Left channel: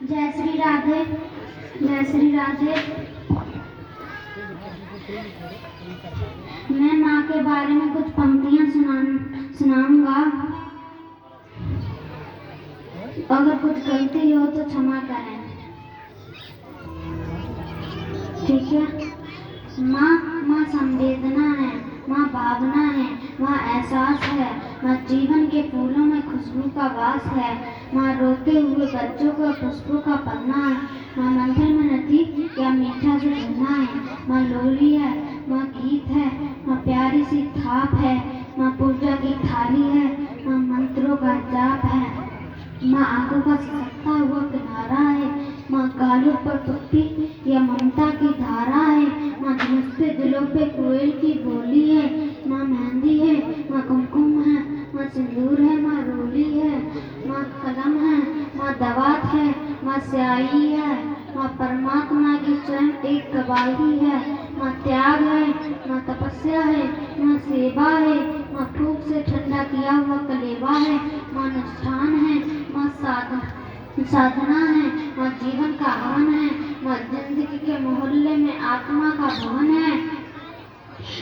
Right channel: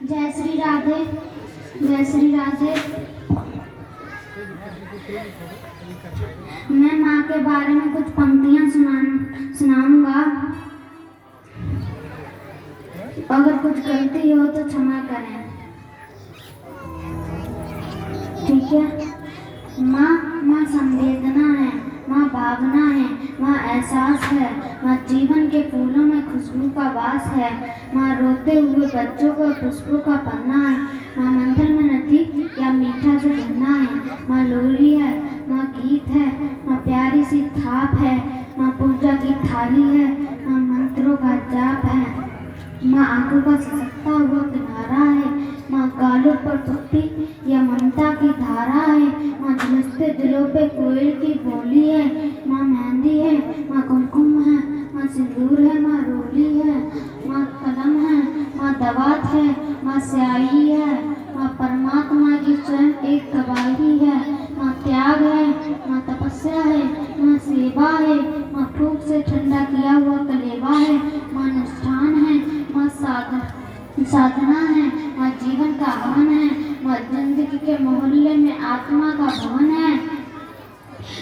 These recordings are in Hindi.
जय श्री राधे, जय श्री राधे। मैं माँ के बारे में कुछ पंक्तियाँ सुनाऊंगा। अगर कुछ गलती हो तो क्षमा करें, ठीक है। माँ संवेदना है, माँ भावना है, माँ एहसास है, माँ जीवन के फूलों में खुशबू का वास है, माँ रोते हुए बच्चों को पुष्पों का पन्ना है, माँ मंथन में नदी या मीठा जो झरना है, माँ लोरी है, माँ गीत है, माँ प्यारी सी थाप है, माँ पूजा की थाली है, माँ मंत्रों का जाप है, माँ आंखों का सिसकता हुआ किनारा है, माँ गालों पर पट्टी या ममता की धारा है, माँ झुलसते दिलों पे कोयल की बोली है, माँ मेहंदी है, माँ कुमकुम है, माँ सिंदूर है, माँ रोली है, माँ कलम है, माँ दवात है, माँ स्याही है, माँ परमात्मा की स्वयं एक गवाही है, माँ त्याग है, माँ तपस्या है, माँ सेवा है, माँ फूक से ठंडा किया हुआ कलेवा है, माँ अनुष्ठान है, माँ साधना है, माँ जीवन का हवन है, माँ जिंदगी के मोहल्ले में आत्मा का भवन है,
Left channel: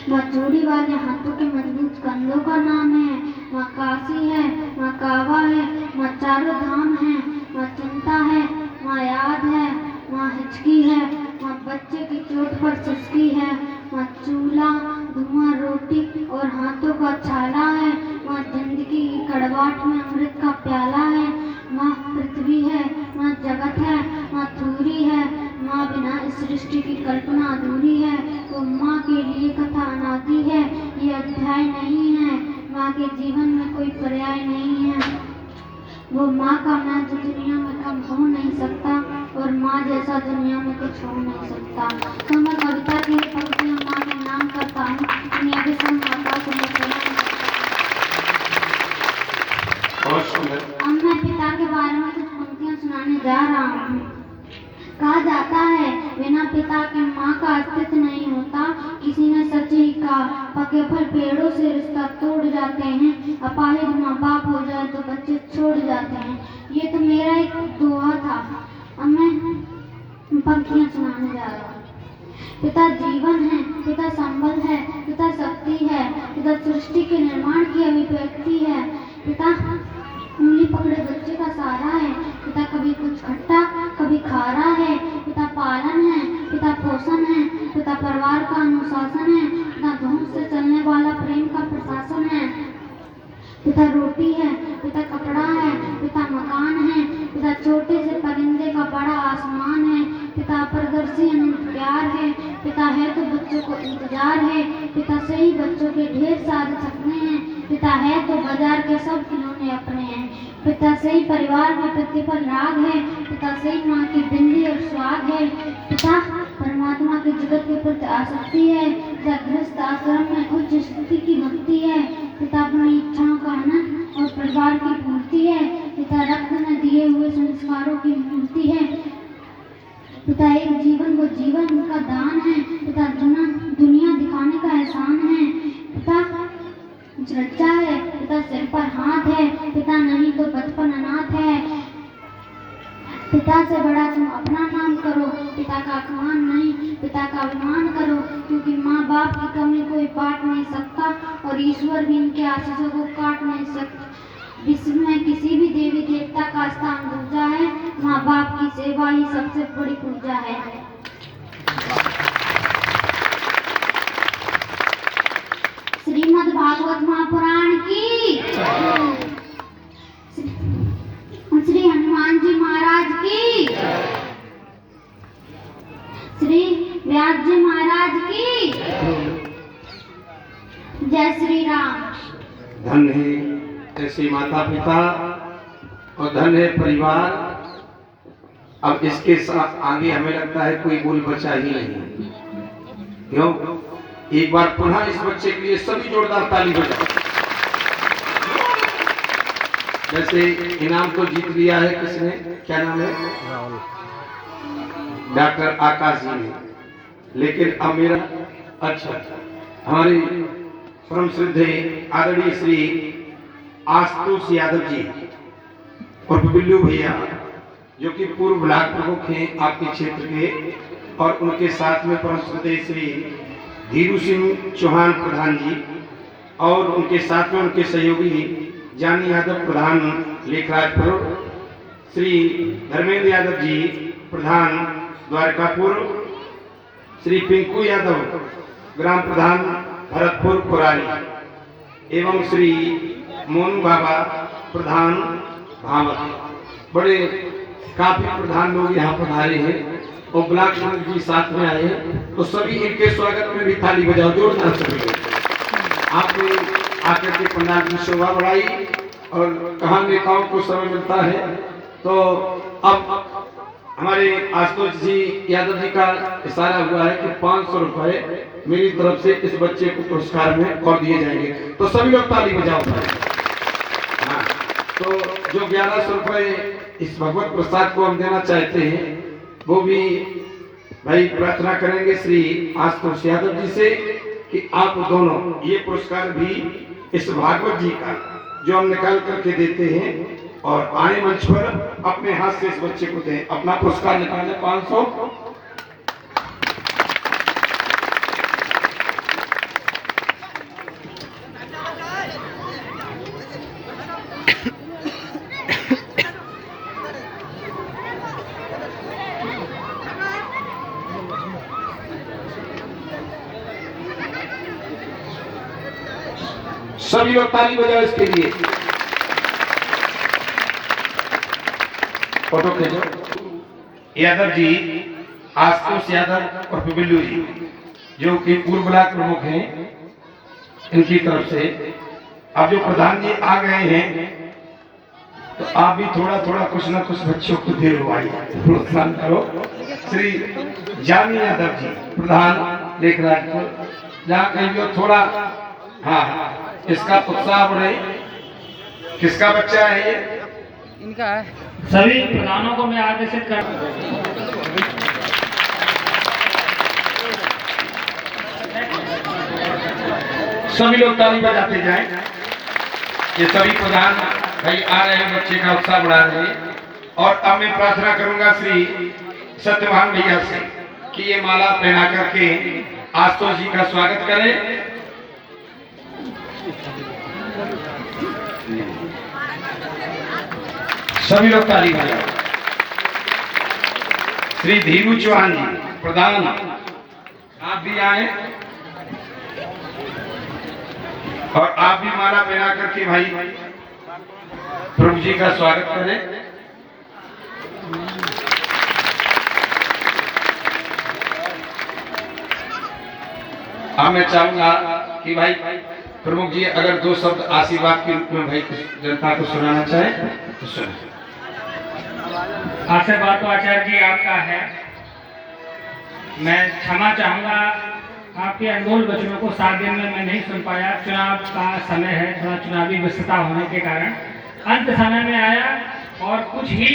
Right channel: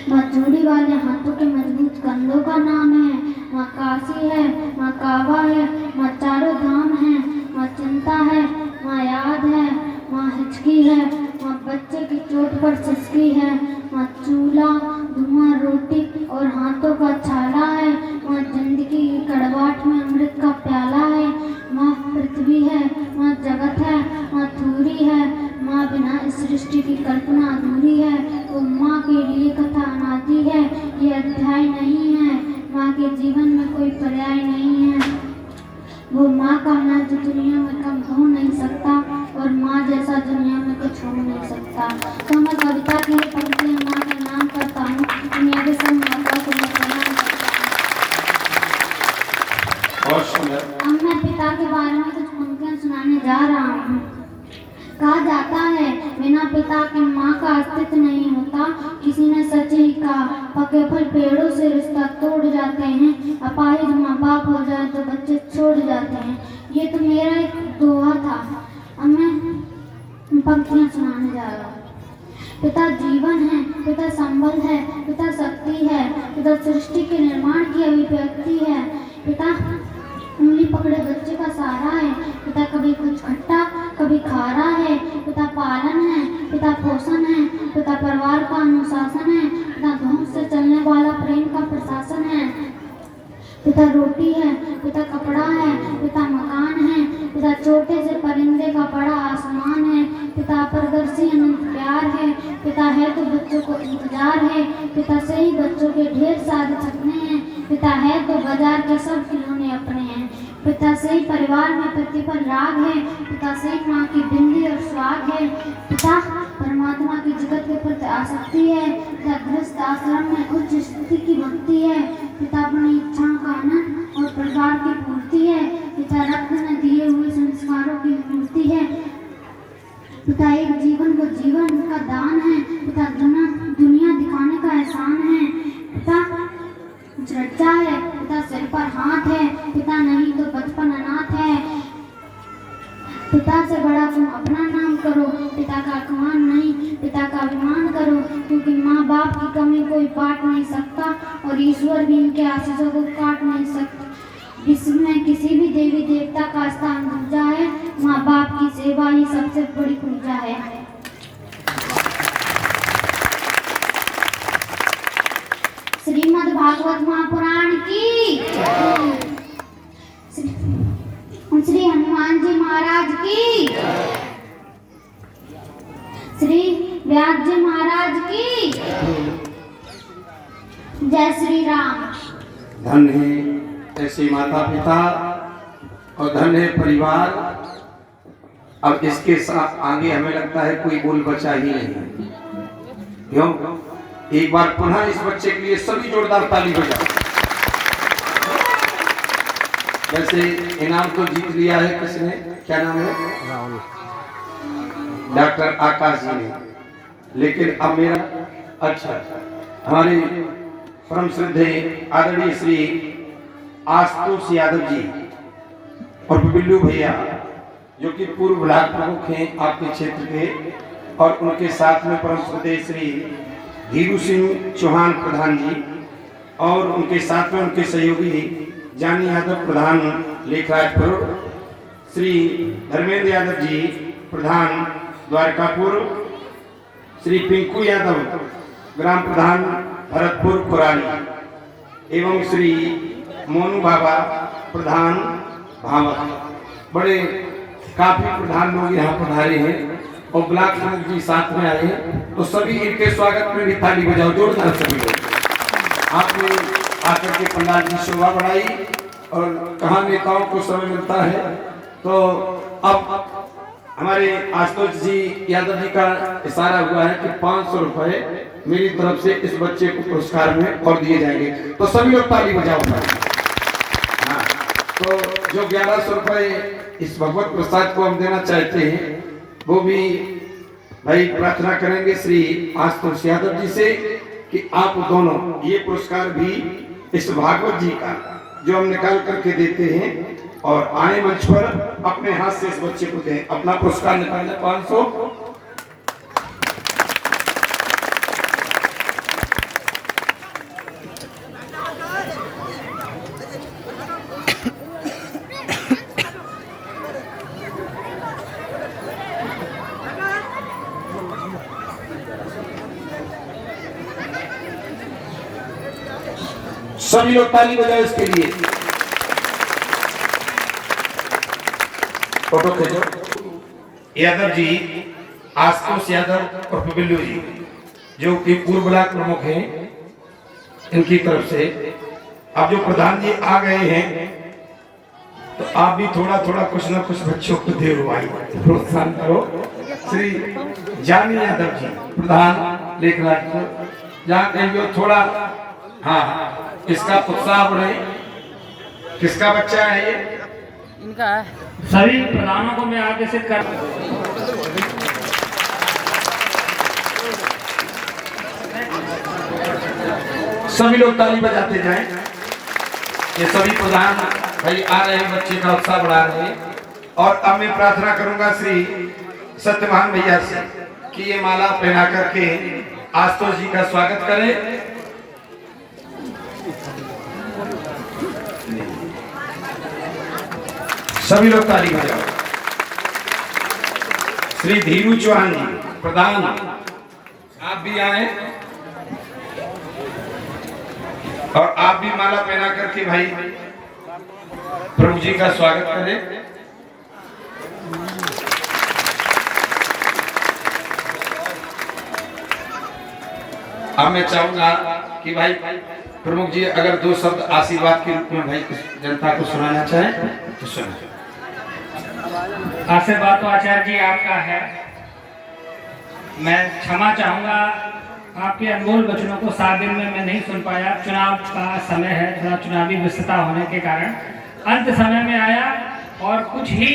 माँ चूड़ी वाले हाथों के मजबूत कंधों का नाम है, माँ काशी है, माँ काबा है, माँ चारों धाम है, माँ चिंता है, माँ याद है, माँ हिचकी है, माँ बच्चे की चोट पर सिसकी है, माँ चूल्हा धुआं रोटी और हाथों का छाला है, माँ जिंदगी की कड़वाहट में अमृत का प्याला है, माँ पृथ्वी है, माँ जगत है, माँ थूरी है, माँ बिना इस सृष्टि की कल्पना अधूरी है, वो माँ के लिए कथा अनादि है, ये अध्याय नहीं है, माँ के जीवन में कोई पर्याय नहीं है, वो माँ का नाम तो दुनिया में कम हो नहीं सकता और माँ जैसा दुनिया में कुछ हो नहीं सकता। तो मैं कविता की पंक्तियाँ माँ के नाम करता हूँ। दुनिया के सब माता को मैं प्रणाम करता हूँ। अब मैं पिता के बारे में कुछ पंक्तियाँ सुनाने जा रहा हूँ। कहा जाता है बिना पिता के माँ का अस्तित्व नहीं होता। किसी ने सच ही कहा, पके फल पेड़ों से रिश्ता तोड़ जाते हैं, अपाहिज माँ बाप हो जाए तो बच्चे छोड़ जाते हैं। ये तो मेरा एक दोहा था। अब मैं पंक्तियाँ सुनाने जा रहा हूँ। पिता जीवन है, पिता संबल है, पिता शक्ति है, पिता सृष्टि के निर्माण की अभिव्यक्ति है, पिता उंगली पकड़े बच्चे का सहारा है, पिता कभी कुछ खट्टा कभी खारा है, पिता पालन है, पिता पोषण है, पिता परिवार का अनुशासन है, पिता धूम से चलने वाला प्रेम का प्रशासन है, पिता रोटी है, पिता कपड़ा है, पिता मकान है, पिता छोटे से परिंदे का बड़ा आसमान है, पिता अपारदर्शी अनंत प्यार है, पिता है तो बच्चों को इंतजार है, पिता से ही बच्चों के ढेर सारे सपने हैं, पिता है तो बाजार के सब खिलौने अपने हैं, पिता से ही परिवार में पति पर राग है, पिता से ही माँ की बिंदी और स्वाग है, पिता परमात्मा की जगत के प्रति आसक्ति है, पिता गृहस्थ आश्रम में उच्च स्थिति की भक्ति है, पिता अपनी इच्छाओं का आनंद और परिवार की पूर्ति है, पिता रक्त में दिए हुए संस्कारों की मूर्ति है, पिता एक जीवन को जीवन का दान है, पिता दुनिया दिखाने का एहसान है, पिता चर्चा है, पिता सिर पर हाथ है, पिता नहीं तो बचपन अनाथ है, पिता से बड़ा तुम अपना नाम करो, पिता का अपमान नहीं पिता का अभिमान करो, क्योंकि माँ बाप की कमी कोई बांट नहीं सकता और ईश्वर भी इनके आशीषों को काट नहीं सकता। विश्व में किसी भी देवी देवता का स्थान दूजा है, माँ बाप की सेवा ही सबसे बड़ी पूजा है। श्रीमद् भागवत महापुराण की, श्री हनुमान जी महाराज की, श्री व्यास जी महाराज की, जय श्री राम। धन है ऐसे माता पिता और धन है परिवार। अब इसके साथ आगे हमें लगता है कोई बोल बचा ही नहीं। क्यों? एक बार पुनः इस बच्चे के लिए सभी जोरदार ताली बजाओ। वैसे इनाम तो जीत लिया है किसने? क्या नाम है? डॉक्टर आकाश जी ने। लेकिन अब मेरा अच्छा हमारे परम श्रद्धेय आदरणीय श्री आशुतोष यादव जी और बिल्लू भैया जो कि पूर्व ब्लॉक प्रमुख हैं आपके क्षेत्र के, और उनके साथ में परम श्रद्धेय श्री धीरू सिंह चौहान प्रधान जी, और उनके साथ में उनके सहयोगी जानी यादव प्रधान लेखराजपुर, श्री धर्मेंद्र यादव जी प्रधान द्वारकापुर, श्री पिंकू यादव ग्राम प्रधान भरतपुर कोराली, एवं श्री मोनू बाबा प्रधान भावक। बड़े काफी प्रधान लोग यहाँ पधारे हैं और ब्लॉक प्रमुख जी साथ में आए हैं, तो सभी इनके स्वागत में भी ताली बजाओ जोरदार सभी लोग। आपने आकर के पंडाल की शोभा बढ़ाई, और कहाँ नेताओं को समय मिलता है। तो अब हमारे आशुतोष जी यादव जी का इशारा हुआ है कि 500 रुपए मेरी तरफ से इस बच्चे को पुरस्कार में और दिए जाएंगे, तो सभी लोग ताली बजाओ। हाँ, तो जो 1100 रुपए इस भगवत प्रसाद को हम देना चाहते हैं, वो भी भाई प्रार्थना करेंगे श्री आशुतोष यादव जी से कि आप दोनों ये पुरस्कार भी इस भागवत जी का जो हम निकाल करके देते हैं, और आए मंच पर अपने हाथ से इस बच्चे को दें। अपना पुरस्कार निकालना 500। सभी लोग ताली बजाओ इसके लिए। फोटो खींचो। यादव जी, आशुतोष यादव और बिल्लू जी, जो कि पूर्व ब्लॉक प्रमुख हैं, इनकी तरफ से अब जो प्रधान जी आ गए हैं, तो आप भी थोड़ा थोड़ा कुछ ना कुछ बच्चों को दे प्रोत्साहन करो। श्री जानी यादव जी प्रधान लेखराजपुर, जहाँ कहीं जो थोड़ा हाँ इसका उत्साह बढ़े। किसका बच्चा है ये? इनका है। सभी प्रधानों को मैं आदेशित कर सभी लोग ताली बजाते जाएं। ये सभी प्रधान भाई आ रहे हैं, बच्चे का उत्साह बढ़ा रहे हैं। और अब मैं प्रार्थना करूंगा श्री सत्यवान भैया से कि ये माला पहना करके आशुतोष जी का स्वागत करें। सभी लोग ताली बजाओ। श्री धीरू चौहान जी प्रधान, आप भी आए और आप भी माला पहना करके भाई प्रभु जी का स्वागत करें। अब मैं चाहूंगा कि भाई प्रमुख जी अगर 2 शब्द आशीर्वाद के रूप में भाई जनता को सुनाना चाहे तो सुनिए। आशीर्वाद तो आचार्य जी आपका है। मैं क्षमा चाहूंगा, आपके अनमोल वचनों को 7 दिन में मैं नहीं सुन पाया। चुनाव का समय है, थोड़ा चुनावी व्यस्तता होने के कारण अंत समय में आया और कुछ ही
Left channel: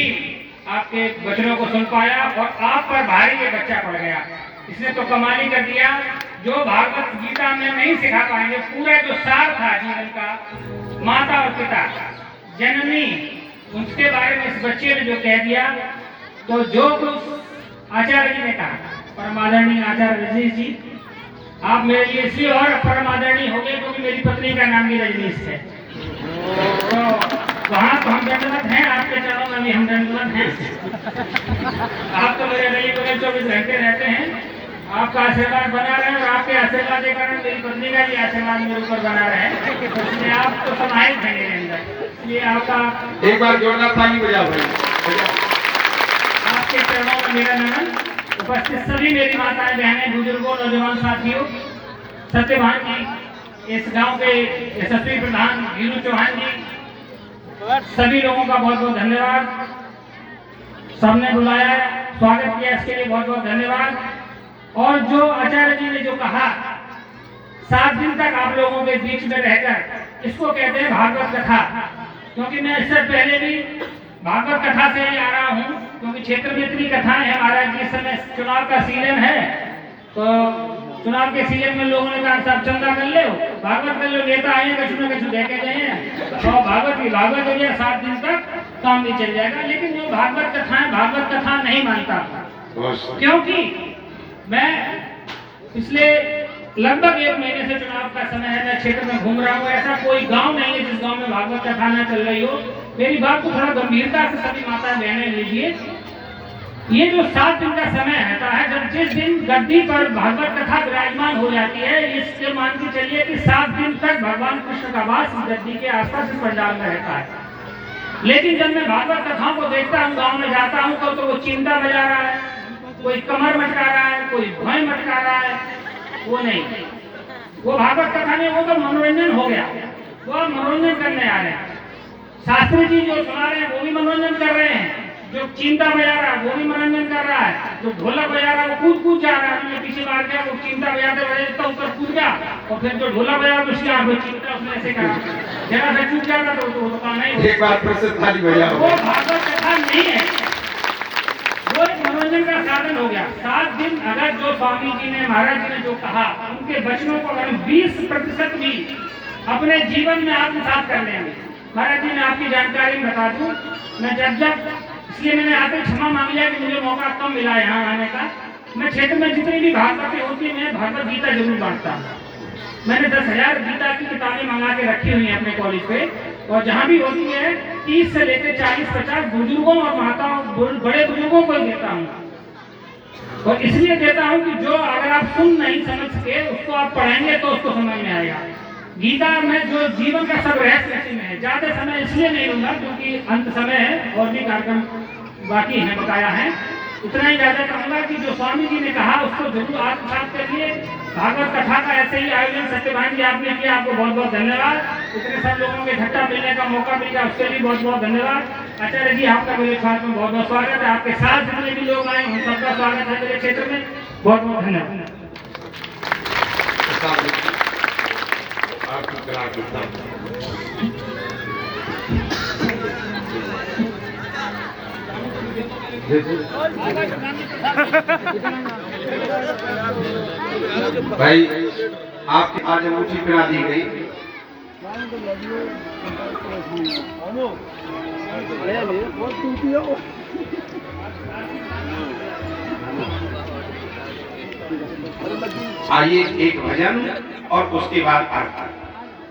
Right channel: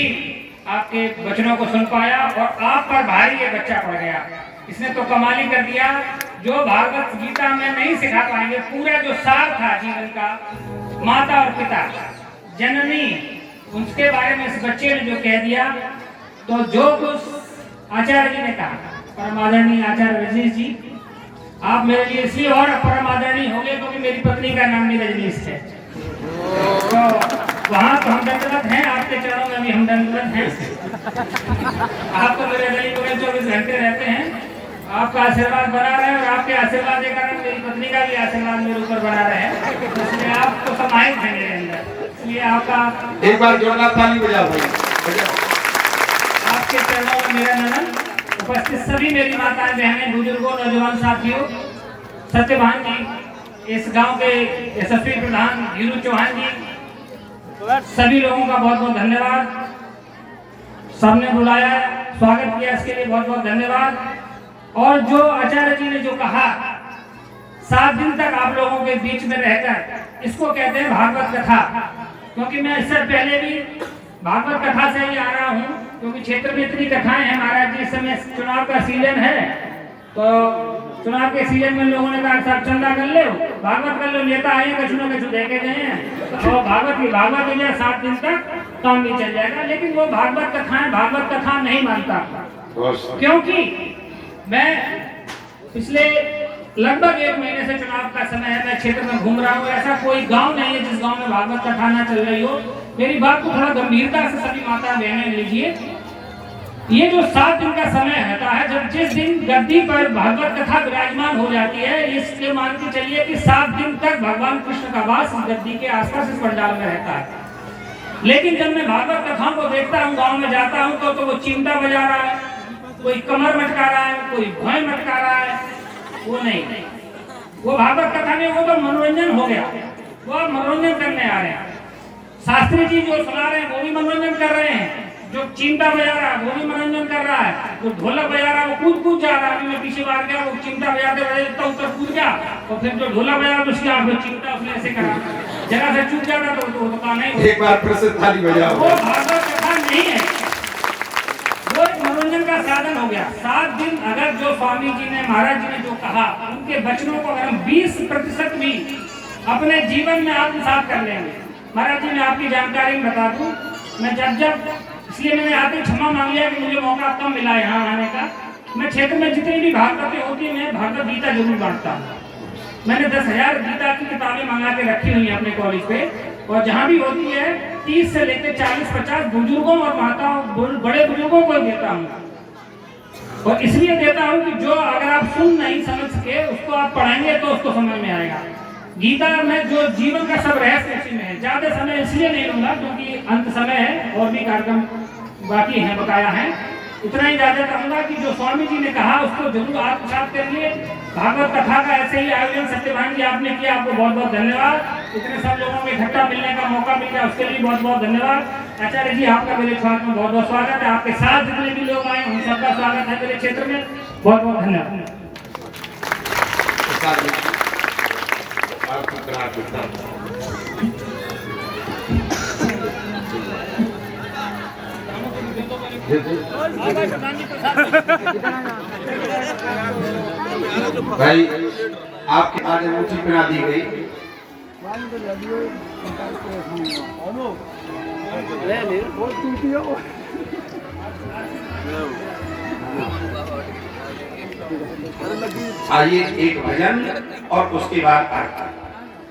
आपके वचनों को सुन पाया, और आप पर भारी ये बच्चा पड़ गया। इसने तो कमाल ही कर दिया, जो भागवत गीता में नहीं सिखा पाएंगे। पूरा जो सार था जीवन का, माता और पिता, जननी, उसके बारे में इस बच्चे ने जो कह दिया, तो जो कुछ आचार्य जी ने कहा, परम आदरणीय आचार्य रजनीश जी, आप मेरे लिए इसलिए और परम आदरणीय हो गए क्योंकि मेरी पत्नी का नाम भी रजनीश है। तो वहाँ तो हम दंडवत हैं, आपके चरणों में भी हम दंडवत हैं। आप तो मेरे गली में 24 घंटे रहते हैं। आपका आशीर्वाद बना रहे और आपके आशीर्वाद के कारण मेरी पत्नी का भी आशीर्वाद मेरे ऊपर बना रहे, तो इसलिए आप तो समाहित हैं मेरे अंदर। इसलिए आपका एक बार जोरदार ताली बजाओ भाई। आपके चरणों में मेरा नमन। उपस्थित सभी मेरी माताएं, बहनें, बुजुर्गों, नौजवान साथियों, सत्यभान जी, इस गांव के यशस्वी प्रधान धीरू चौहान जी, सभी लोगों का बहुत बहुत धन्यवाद। सबने बुलाया, स्वागत किया, इसके लिए बहुत बहुत धन्यवाद। और जो आचार्य जी ने जो कहा, 7 दिन तक आप लोगों के बीच में रहकर, इसको कहते हैं भागवत कथा। क्योंकि मैं इससे पहले भी भागवत कथा से ही आ रहा हूँ, क्योंकि क्षेत्र में इतनी कथाएं हैं। महाराज जी, इस समय चुनाव का सीजन है, तो चुनाव के सीजन में लोगों ने कहा साहब चंदा कर लो, भागवत कर लो, नेता आए कछु न कछु दे के गए हैं, और भागवत हो गया 7 दिन तक। काम भी चल जाएगा। लेकिन वो भागवत कथाएं भागवत कथा नहीं मानता, क्योंकि मैं पिछले लगभग 1 महीने से चुनाव का समय है, मैं क्षेत्र में घूम रहा हूँ। ऐसा कोई गांव नहीं है जिस गांव में भागवत कथा न चल रही हो। मेरी बात को थोड़ा गंभीरता से सभी माता बहनें लीजिए। ये जो 7 दिन का समय रहता है, जब जिस दिन गद्दी पर भागवत कथा विराजमान हो जाती है, इसके मान के चलिए कि 7 दिन तक भगवान कृष्ण का वास गद्दी के आसपास इस पंडाल में रहता है। लेकिन जब मैं भागवत कथाओं को देखता हूँ, गांव में जाता हूँ, तो वो चिमटा बजा रहा है, कोई कमर मटका रहा है, कोई भय मटका रहा है। वो नहीं, वो भागवत कथा में वो तो मनोरंजन हो गया, वो मनोरंजन करने आ रहे हैं। शास्त्री जी जो सुना रहे हैं वो भी मनोरंजन कर रहे हैं, जो चिमटा बजा रहा है वो भी मनोरंजन कर रहा है, जो ढोलक बजा रहा है वो कूद कूद जा रहा है। मैं पीछे बार गया, वो चिमटा बजाते बजाते ऊपर कूद गया, और फिर जो ढोलक बजा तो उसका वो चिमटा उसने ऐसे करा, जगह से चूक जाता तो वो कहा नहीं, एक बार फिर से ताली बजाओ। वो भागवत कथा नहीं है, वो एक मनोरंजन का साधन हो गया। 7 दिन अगर जो स्वामी जी ने, महाराज जी ने जो कहा, उनके वचनों को अगर हम 20% भी अपने जीवन में आत्मसात कर लेंगे। महाराज जी, मैं आपकी जानकारी में बता दूं, मैं जब इसलिए मैंने आते क्षमा मांग लिया कि मुझे मौका कम मिला यहाँ आने का। मैं क्षेत्र में जितनी भी भागवतें होती है, मैं भागवत गीता जरूर बांटता हूँ। मैंने 10,000 गीता की किताबें मंगा के रखी हुई हैं अपने कॉलेज पे, और जहाँ भी होती है 30 से लेकर 40-50 बुजुर्गों और माताओं, बड़े बुजुर्गों को देता हूँ। और इसलिए देता हूँ कि जो अगर आप सुन नहीं समझ सके, उसको आप पढ़ेंगे तो उसको समझ में आएगा। गीता में जो जीवन का सब रहस्य इसी में है। ज्यादा समय इसलिए नहीं लूंगा क्योंकि अंत समय है और भी कार्यक्रम बाकी हैं, बकाया है। इतना ही ज्यादा कहूंगा कि जो स्वामी जी ने कहा उसको जरूर आत्मसात करिए। भागवत कथा का ऐसे ही आयोजन सत्यभान जी आपने किया, आपको बहुत बहुत धन्यवाद। इतने सब लोगों के इकट्ठा मिलने का मौका मिला, उसके लिए बहुत बहुत धन्यवाद। आचार्य जी, आपका मेरे स्वागत में बहुत बहुत स्वागत है। आपके साथ जितने भी लोग आए उन सबका स्वागत है मेरे क्षेत्र में। बहुत बहुत धन्यवाद। भाई, आपके आज अंगूठी पहना दी गई। आइए एक भजन और उसके बाद आरती।